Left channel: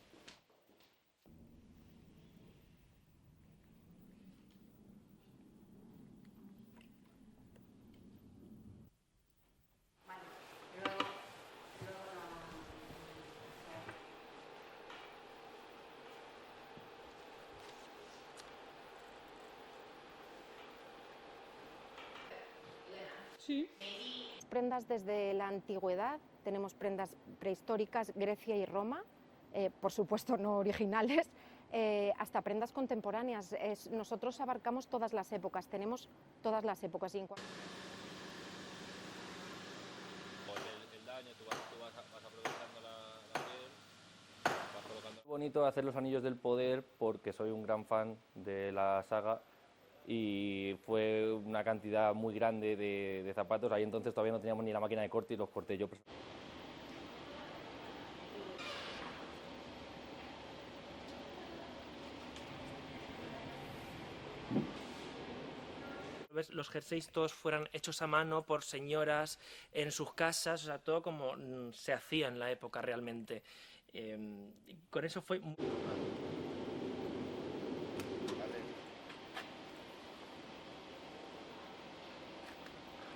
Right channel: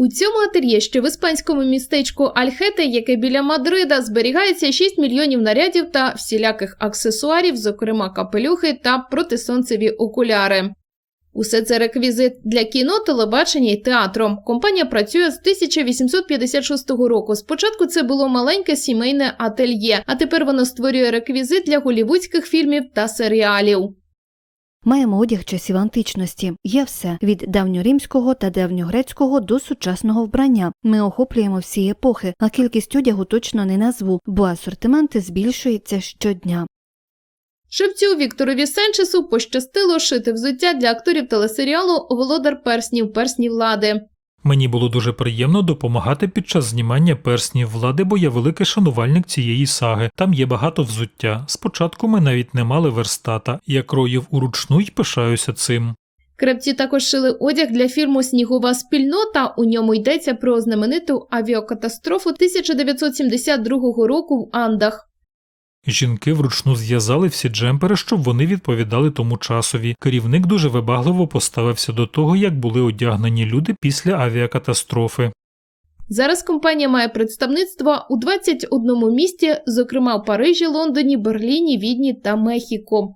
У цьому ательє, що в іспанському містечку Альхете, яке біля Мадрида, зберігається 6 мільйонів нарядів та всіляких аксесуарів, зокрема капелюхи та протисонцеві окуляри. Усе це реквізит для кіно, телебачення і театру. Компанія працює з 1856 року. Спочатку це було маленьке сімейне ательє, а тепер воно створює реквізит для голівудських фільмів та серіалів. Маємо одяг часів античності. Є все від давньоримського та давньогрецького до сучасного вбрання. Ми охоплюємо всі епохи, а кількість одягу точно не назву, бо асортимент збільшується щодня. Шевцю Вікторові Сенчесу пощастило шити взуття для акторів телесеріалу Володар перснів персні влади. Мені було дуже приємно допомагати під час знімання перснів влади, бо я великий шанувальник цієї саги. Там є багато взуття. Спочатку ми навіть не мали верстата. Я кроїв уручну й пишаюся цим. Крепці також шили одяг для фільму Снігова спільнота. У ньому йдеться про знамениту авіакатастрофу 1972 року в Андах. Жінки вручну зв'язали всі джемпери, щоб вони відповідали тому часові. Керівник дуже вибагливо поставився до того, як були одягнені люди після авіакатастрофи. Зараз компанія має представництво у 21 місті, зокрема в Парижі, Лондоні, Берліні, Відні та Мехіко.